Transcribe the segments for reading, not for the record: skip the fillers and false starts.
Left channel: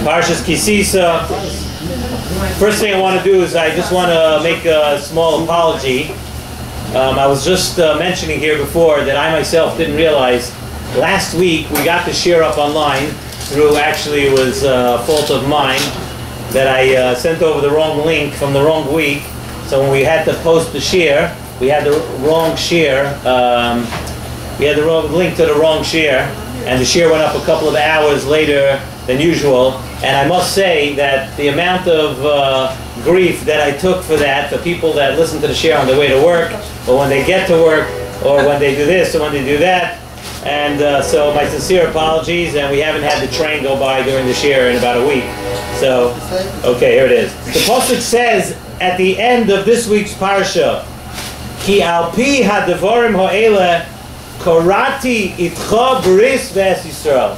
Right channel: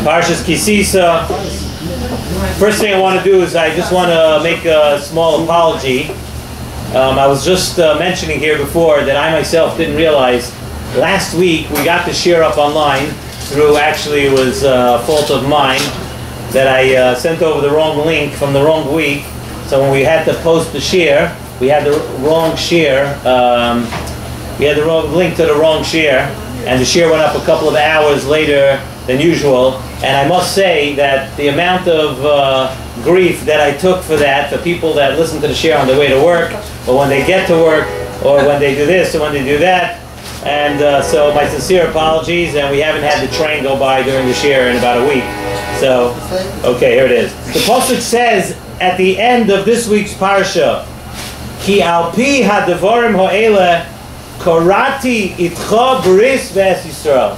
Parshas Sisa. First thing I want to do is I just want to make a small apology. I was just mentioning here before that I myself didn't realize last week we got the share up online through, actually it was a fault of mine that I sent over the wrong link from the wrong week. So when we had to post the share, we had the wrong share. We had the wrong link to the wrong share, and the share went up a couple of hours later than usual. And I must say that the amount of grief that I took for that, for people that listen to the share on their way to work, or when they get to work, or when they do this, or when they do that. And so my sincere apologies, and we haven't had the train go by during the share in about a week. So, okay, here it is. The Pasuk says at the end of this week's Parsha, Ki alpi ha'devarim ha'ele korati itcha bris v'es Yisrael.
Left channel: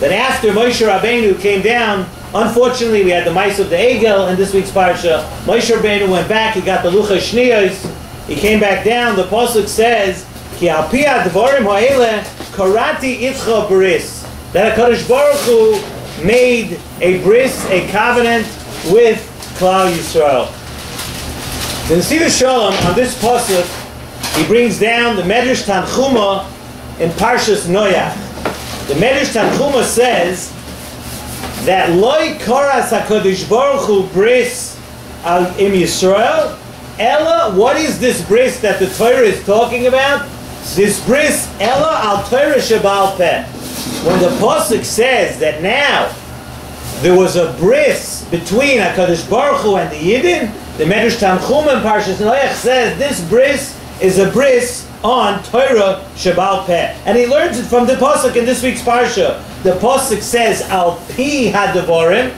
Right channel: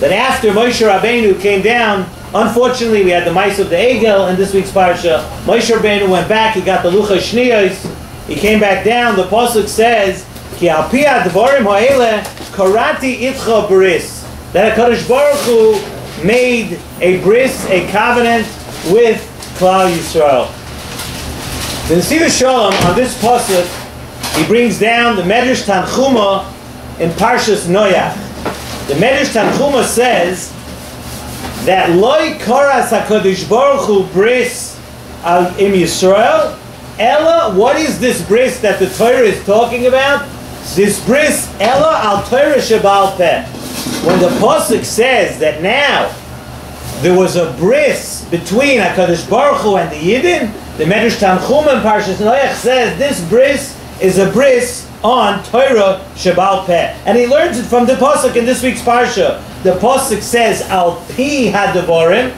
That after Moshe Rabbeinu came down, unfortunately we had the mice of the Egel in this week's Parsha. Moshe Rabbeinu went back, he got the Lucha Shniyos, he came back down. The Pasuk says, Ki alpi ha'devarim ha'ele korati itcha bris. That HaKadosh Baruch Hu made a bris, a covenant with Klal Yisrael. The Sisa Shalom on this pasuk, he brings down the Medrash Tanchuma in Parshas Noach. The Medrash Tanchuma says that Loi Koras HaKadosh Baruch Hu bris al im Yisrael. Ella, what is this bris that the Torah is talking about? This bris Ella al Torah Shebal Peh. When the pasuk says that now there was a bris between HaKadosh Baruch Hu and the Yidden, the Medrash Tanchuma in Parshas Noach says this bris is a bris on Torah Shebal Peh. And he learns it from the pasuk in this week's Parsha. The pasuk says Al Pi Hadevarim.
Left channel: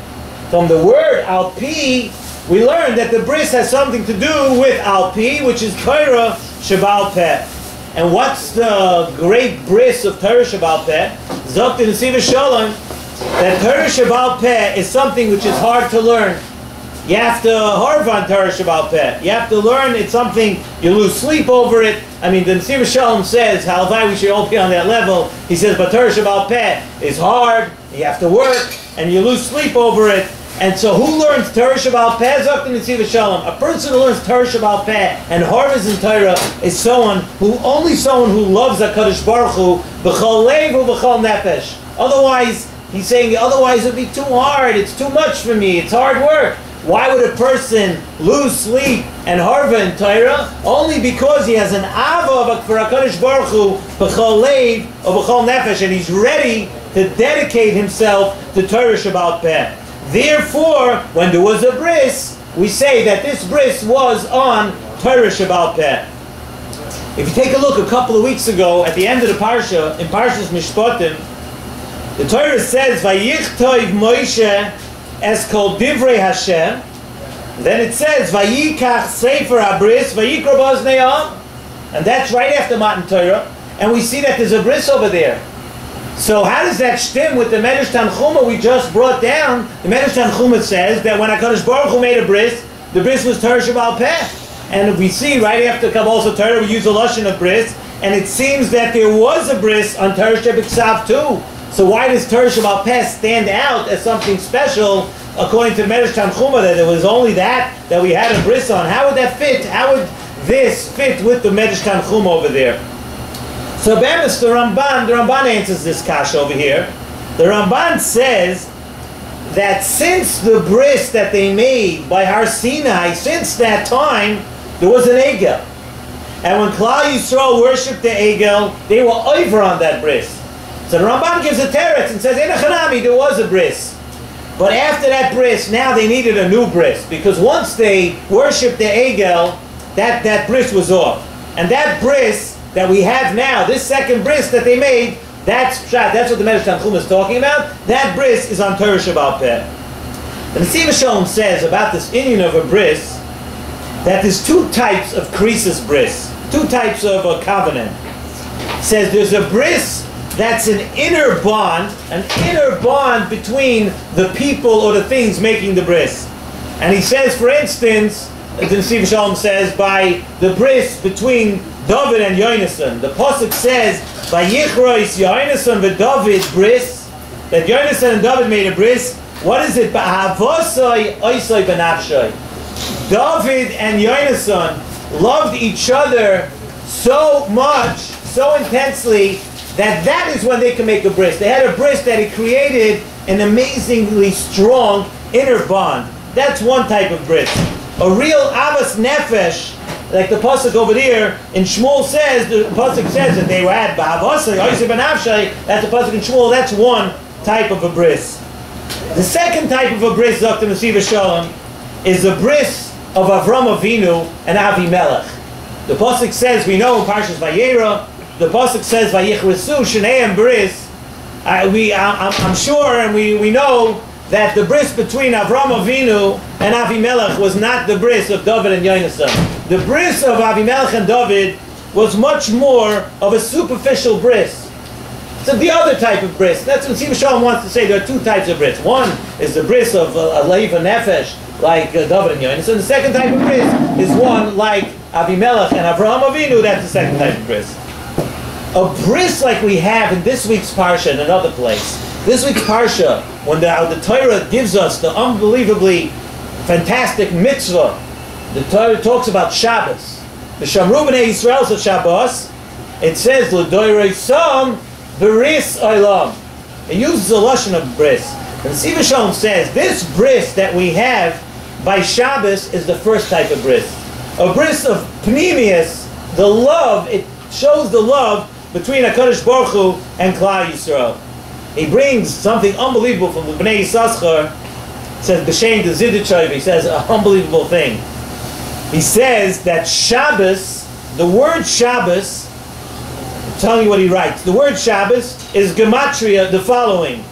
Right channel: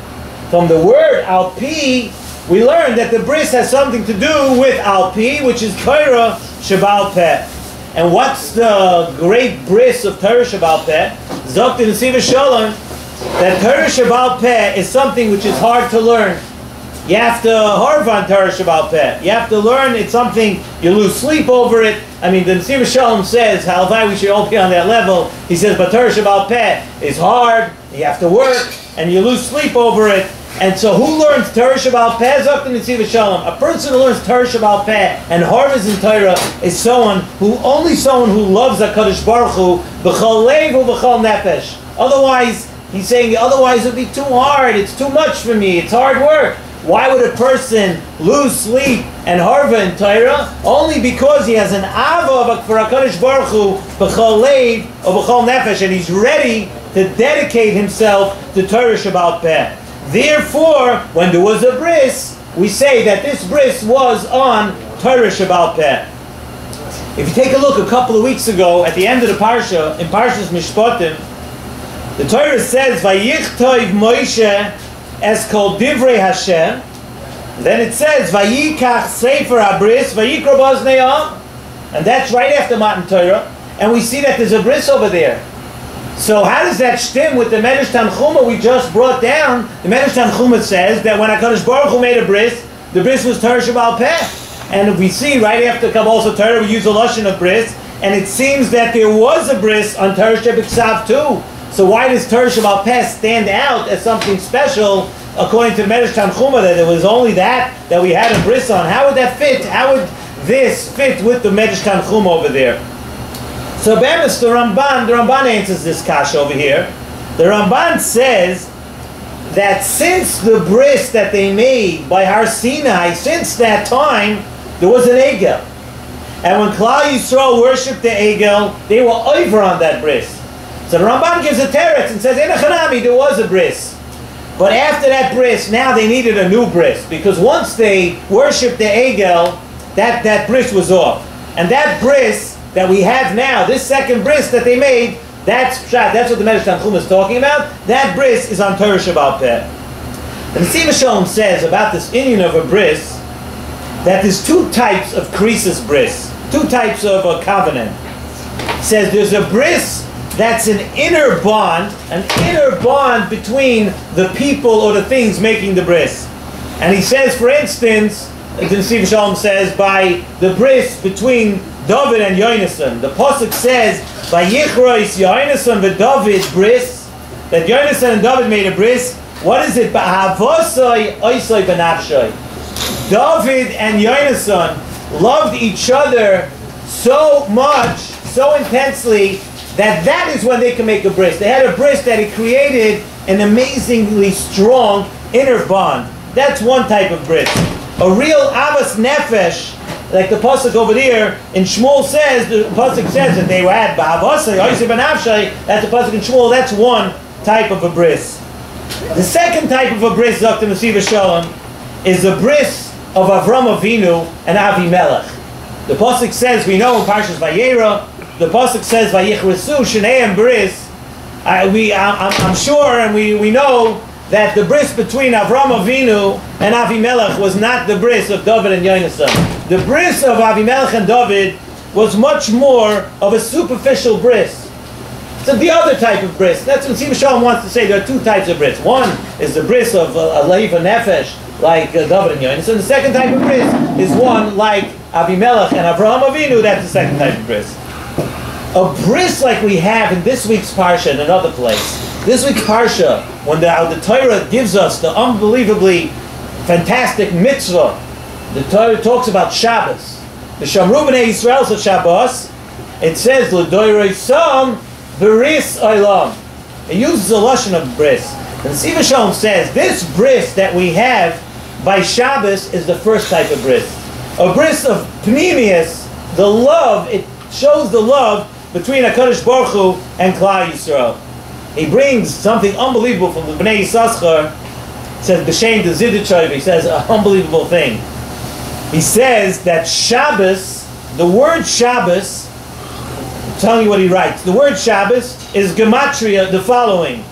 From the word Al Pi, we learn that the bris has something to do with Al Pi, which is Torah Shebal Peh. And what's the great bris of Torah Shebal Peh? Zokt in the Sisa Shalom that Torah Shebal Peh is something which is hard to learn. You have to harv on Torah Shebal Peh. You have to learn. It's something you lose sleep over it. I mean, the Sisa Shalom says how we should all be on that level. He says, but Torah Shebal Peh is hard. You have to work, and you lose sleep over it. And so, who learns Torah Shebal Peh? Zokt in the Sisa Shalom. A person who learns Torah Shebal Peh and harvest in Torah is someone who loves HaKadosh Baruch Hu b'chol lev u b'chol nefesh. Otherwise, he's saying, otherwise it would be too hard. It's too much for me. It's hard work. Why would a person lose sleep and harva in Torah? Only because he has an ava for HaKadosh Baruch Hu b'chol lev or b'chol nefesh, and he's ready to dedicate himself to Torah Shebal Peh. Therefore, when there was a bris, we say that this bris was on Torah Shebal Peh. If you take a look a couple of weeks ago at the end of the Parsha, in Parshas Mishpatim, the Torah says, Vayichtov Moshe es kol divrei Hashem. Then it says, Vayikach Sefer HaBris, Vayikra B'oznei Ha'am. And that's right after Matan Torah. And we see that there's a bris over there. So how does that stem with the Medrash Tanchuma we just brought down? The Medrash Tanchuma says that when HaKadosh Baruch Hu made a bris, the bris was Torah Shebal Peh. And we see right after Kabbalah Torah, we use a lashon of bris, and it seems that there was a bris on Torah Shebiksav too. So why does Torah Shebal Peh stand out as something special, according to Medrash Tanchuma, that it was only that we had a bris on? How would that fit? How would this fit with the Medrash Tanchuma over there? So Bemis, the Ramban answers this kasha over here. The Ramban says that since the bris that they made by Har Sinai, since that time, there was an Egel. And when Klal Yisrael worshipped the Egel, they were over on that bris. So the Ramban gives a teretz and says, in a Chanami, there was a bris. But after that bris, now they needed a new bris. Because once they worshipped the Egel, that bris was off. And that bris that we have now, this second bris that they made, that's what the Medrash Tanchuma is talking about. That bris is on Torah Shebal Peh. The Sisa Shalom says about this Indian of a bris, that there's two types of krisis bris, two types of a covenant. It says there's a bris that's an inner bond between the people or the things making the bris. And he says, for instance, the Sisa Shalom says, by the bris between David and Yonasan. The pasuk says, "Vayichrois Yonasan v'David bris," that Yonasan and David made a bris. What is it? Ba'avosai oisai benafshai. David and Yonasan loved each other so much, so intensely, that is when they can make a bris. They had a bris that it created an amazingly strong inner bond. That's one type of bris. A real avas nefesh, like the pasuk over there in Shmuel says, the pasuk says that they were at ba'avosai oisai benafshai. That's the pasuk in Shmuel. That's one type of a bris. The second type of a bris, Dr. Mesiva Shalom, is a bris of Avram Avinu and Avimelech. The pasuk says, we know in Parshas Vayera, the pasuk says Vayichresu Shneihem Bris. I'm sure, and we know that the bris between Avram Avinu and Avimelech was not the bris of David and Yonasan. The bris of Avimelech and David was much more of a superficial bris. So the other type of bris, that's what Mesiva Shalom wants to say. There are two types of bris. One is the bris of Leiva Nefesh, like David and Yonasan. And the second type of bris is one like Avimelech and Avraham Avinu. That's the second type of bris. A bris like we have in this week's Parsha in another place. This week's Parsha, when the Torah gives us the unbelievably fantastic mitzvah, the Torah talks about Shabbos. The Shamru B'nai Yisrael of Shabbos, it says, L'doirei Sam Bris Olam. It uses a lashon of bris. And Mesiva Shalom says this bris that we have by Shabbos is the first type of bris. A bris of pnimius, the love. It shows the love between HaKadosh Baruch Hu and Klal Yisrael. He brings something unbelievable from the Bnei Yisachar. It says b'shem de Ziditchov. He says an unbelievable thing. He says that Shabbos, the word Shabbos, I'm telling you what he writes. The word Shabbos is gematria, the following:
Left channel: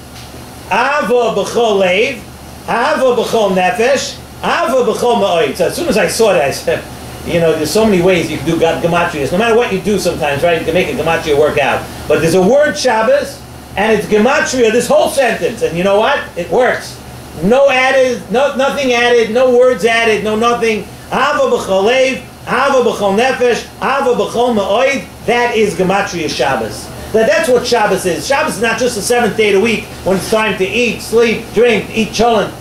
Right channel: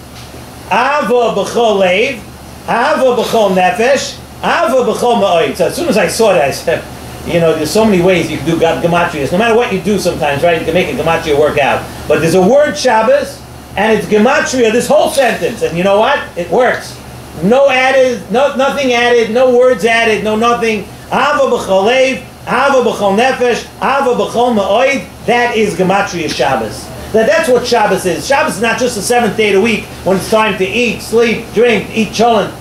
Ava b'chol leiv, Ava b'chol nefesh, Ava b'chol ma'oid. So as soon as I saw that, I said, you know, there's so many ways you can do gematrias. No matter what you do sometimes, right, you can make a gematria work out. But there's a word Shabbos, and it's gematria, this whole sentence. And you know what? It works. No added, nothing added, no words added, no nothing. Ava b'chol leiv, Ava b'chol nefesh, Ava b'chol ma'oid. That is gematria Shabbos. That's what Shabbos is. Shabbos is not just the seventh day of the week when it's time to eat, sleep, drink, eat cholent.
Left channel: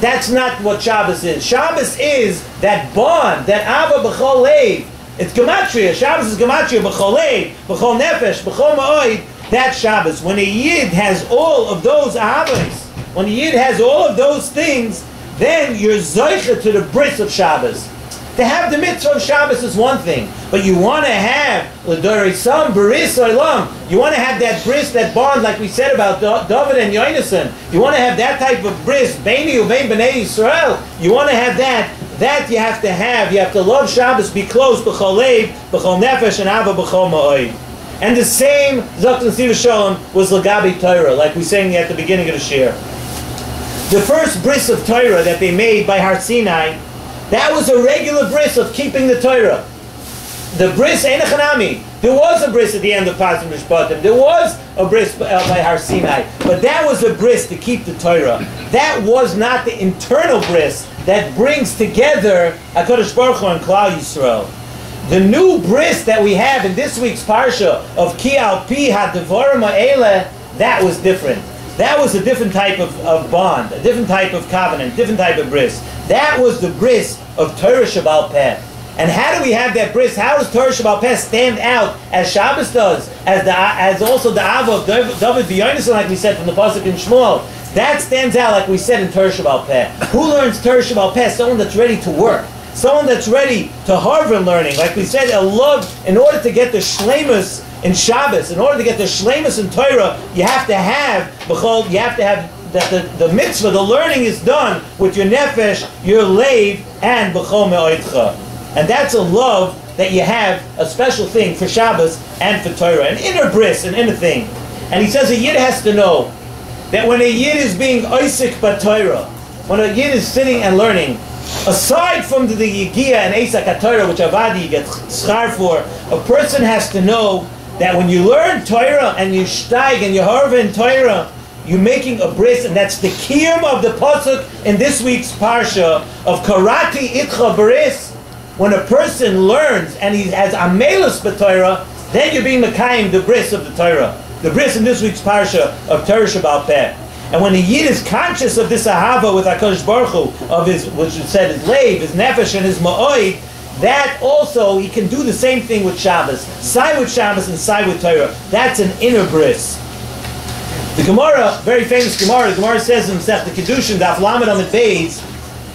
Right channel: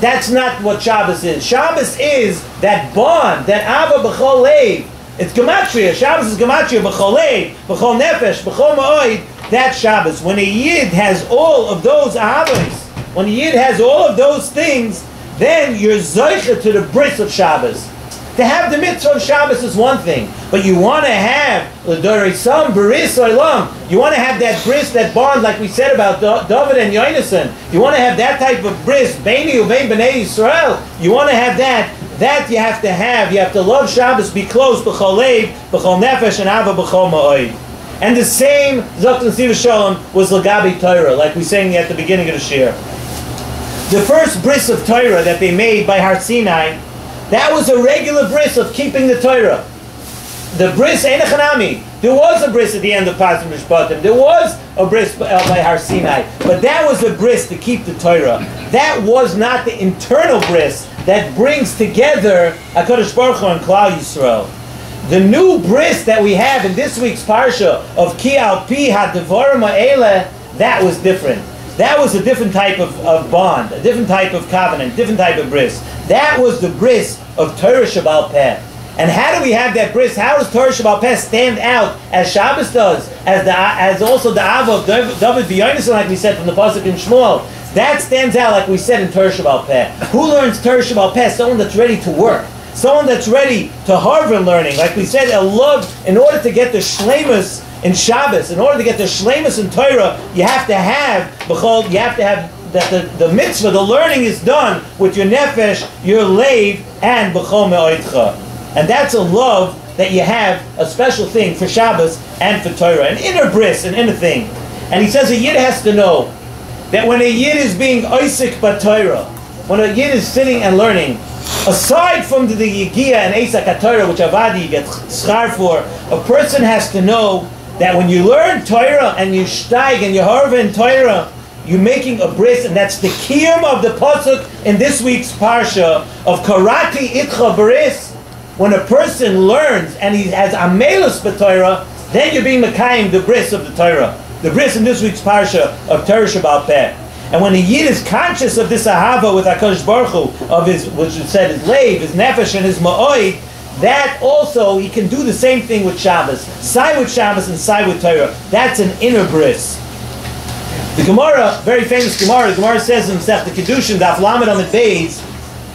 That's not what Shabbos is. Shabbos is that bond, that Ava b'chol leiv. It's gematria. Shabbos is gematria b'chol leiv, b'chol nefesh, b'chol ma'oid. That's Shabbos. When a yid has all of those avos, when a yid has all of those things, then you're zoicha to the bris of Shabbos. To have the mitzvah of Shabbos is one thing, but you want to have l'dorei sam bris olam. You want to have that bris, that bond, like we said about David and Yonasan. You want to have that type of bris, beini uvein b'nei Yisrael. You want to have that. That you have to have. You have to love Shabbos, be close b'chol leiv, b'chol nefesh, and ava b'chol ma'oid. And the same Dr. Mesiva Shalom was l'gabi Torah, like we sang at the beginning of the shir. The first bris of Torah that they made by Har Sinai, that was a regular bris of keeping the Torah. The bris ein echanami. There was a bris at the end of Pasim Mishpatim. There was a bris by Har Sinai, but that was a bris to keep the Torah. That was not the internal bris that brings together HaKadosh Baruch Hu and Klal Yisrael. The new bris that we have in this week's parsha of Ki al pi hadevarim ha'eleh, that was different. That was a different type of bond, a different type of covenant, different type of bris. That was the bris of Torah Shabbal Peh. And how do we have that bris? How does Torah Shabbal Peh stand out as Shabbos does, as also the Ava of David v'Yonasan, like we said from the pasuk in Shmuel? That stands out, like we said, in Torah Shabbal Peh. Who learns Torah Shabbal Peh? Someone that's ready to work. Someone that's ready to Harvard learning. Like we said, a love, in order to get the shleimus in Shabbos, in order to get the shleimus in Torah, you have to have that the mitzvah, the learning is done with your nefesh, your leiv, and b'chol me'oidcha. And that's a love that you have, a special thing for Shabbos and for Torah, an inner bris, an inner thing. And he says a yid has to know that when a yid is being oisik b'Torah, when a yid is sitting and learning, aside from the Yigia and Esak HaTorah, which Avadi gets schar for, a person has to know that when you learn Torah and you steig and you harva in Torah, you're making a bris, and that's the kiyum of the pasuk in this week's parsha of Karati Itcha Bris. When a person learns and he has amelus b'Torah, then you're being mekayim the bris of the Torah. The bris in this week's parsha of Torah Shabbal Peh. And when a Yid is conscious of this ahava with HaKadosh Baruch Hu, of his, which we said, his leiv, his nefesh, and his ma'oid, that also, he can do the same thing with Shabbos. Side with Shabbos and side with Torah. That's an inner bris. The Gemara, very famous Gemara, the Gemara says in Masechet Kedushin, Daf Lamed Amud Beis,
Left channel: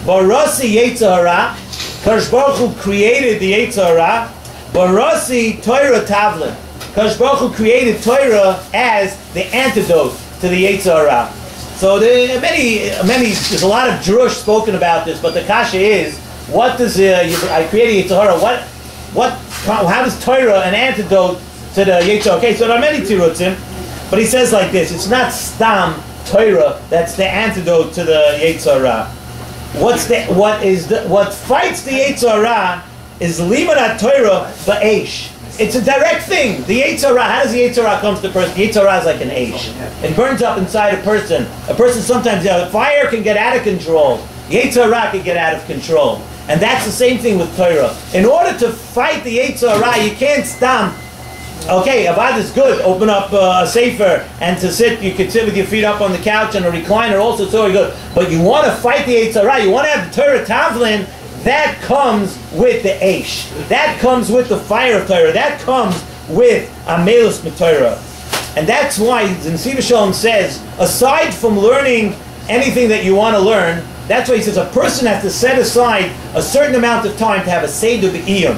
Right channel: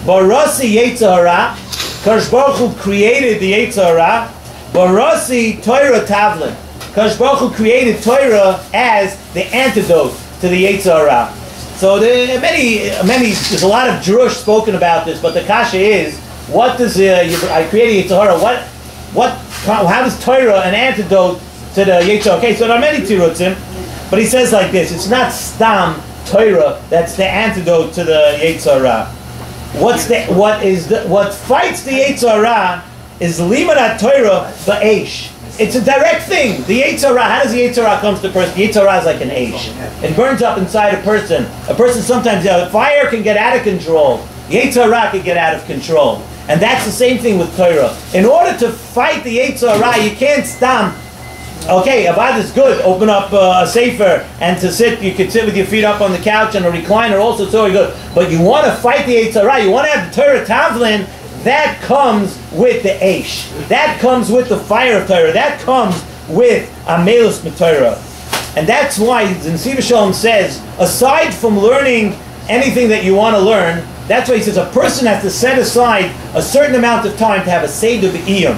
Barasi Yetzer Hara, Kadosh Baruch Hu created the Yetzer Hara, Barasi Torah Tavlin. Kadosh Baruch Hu created Torah as the antidote to the Yetzer Hara. So there's a lot of drush spoken about this, but the kasha is, what does I created Yetzer Hara? How does Torah an antidote to the Yetzer Hara? Okay, so there are many tirutzim, but he says like this: it's not stam Torah that's the antidote to the Yetzer Hara. What fights the Yetzer Hara is limud Torah ba'esh. It's a direct thing. The Yetzer Hara, how does the Yetzer Hara come to the person? The Yetzer Hara is like an eish. It burns up inside a person. A person sometimes, fire can get out of control. The Yetzer Hara can get out of control. And that's the same thing with Torah. In order to fight the Yetzer Hara, you can't stamp. Okay, Avad is good. Open up a sefer and to sit. You can sit with your feet up on the couch and a recliner. Also, it's very good. But you want to fight the Yetzer Hara. You want to have the Torah Tavlin. That comes with the Eish. That comes with the fire of Torah. That comes with Amelus Torah. And that's why the Nesiv Shalom says, aside from learning anything that you want to learn, that's why he says a person has to set aside a certain amount of time to have a Seder B'iyum.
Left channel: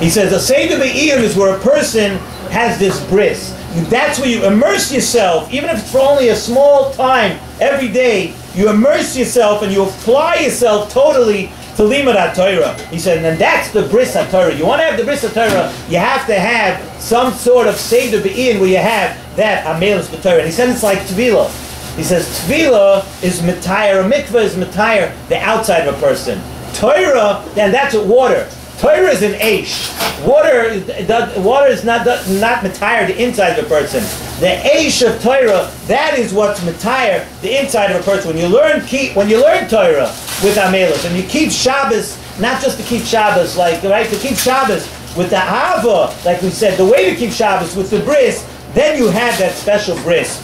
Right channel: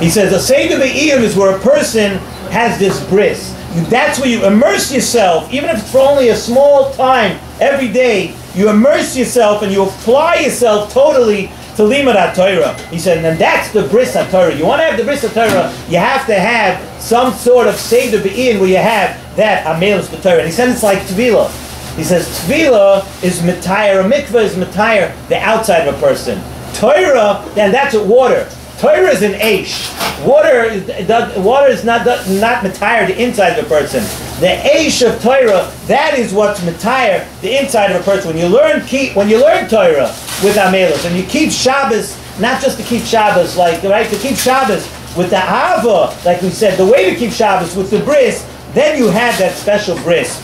He says a Seder B'iyum is where a person has this bris. That's where you immerse yourself, even if it's for only a small time every day. You immerse yourself and you apply yourself totally to limud Torah. He said, and that's the bris Torah. You want to have the bris Torah, you have to have some sort of Seder B'iyum where you have that Amelus Torah. And he said it's like Tevilah. He says Tevilah is mitayr, a mikveh is mitayr, the outside of a person. Torah, then that's what water. Torah is an eish. Water is not mitayr, the inside of a person. The eish of Torah, that is what's mitayr, the inside of a person. When you learn Torah with Amelus, and you keep Shabbos, not just to keep Shabbos, to keep Shabbos with the Ava, like we said, the way to keep Shabbos with the bris, then you have that special bris.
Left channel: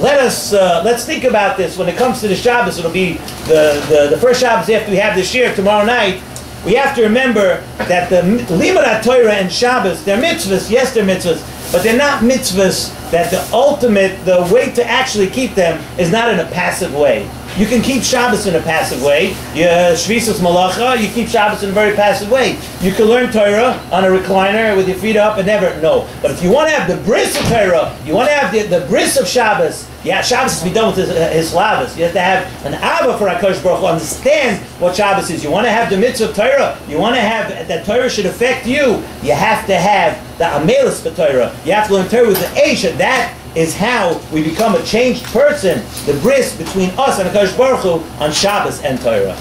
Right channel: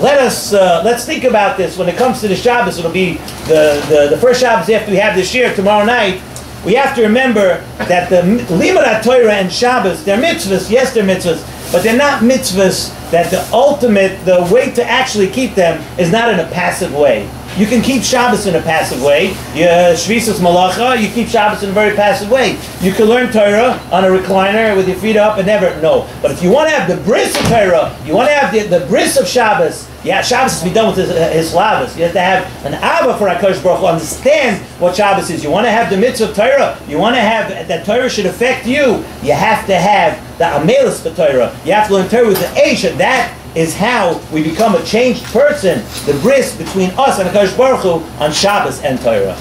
Let's think about this. When it comes to the Shabbos, it'll be the first Shabbos after we have this year, tomorrow night. We have to remember that the limud Torah and Shabbos, they're mitzvahs, yes they're mitzvahs, but they're not mitzvahs that the way to actually keep them is not in a passive way. You can keep Shabbos in a passive way. Shvisas Malacha, you keep Shabbos in a very passive way. You can learn Torah on a recliner with your feet up and never, no. But if you want to have the bris of Torah, you want to have the bris of Shabbos, Shabbos has to be done with his slavas. You have to have an Abba for HaKadosh Baruch Hu, understand what Shabbos is. You want to have the mitzvah of Torah, you want to have, that Torah should affect you, you have to have the Amelus Torah. You have to learn Torah with the Eish, and that is how we become a changed person, the bris between us and HaKadosh Baruch Hu on Shabbos and Torah.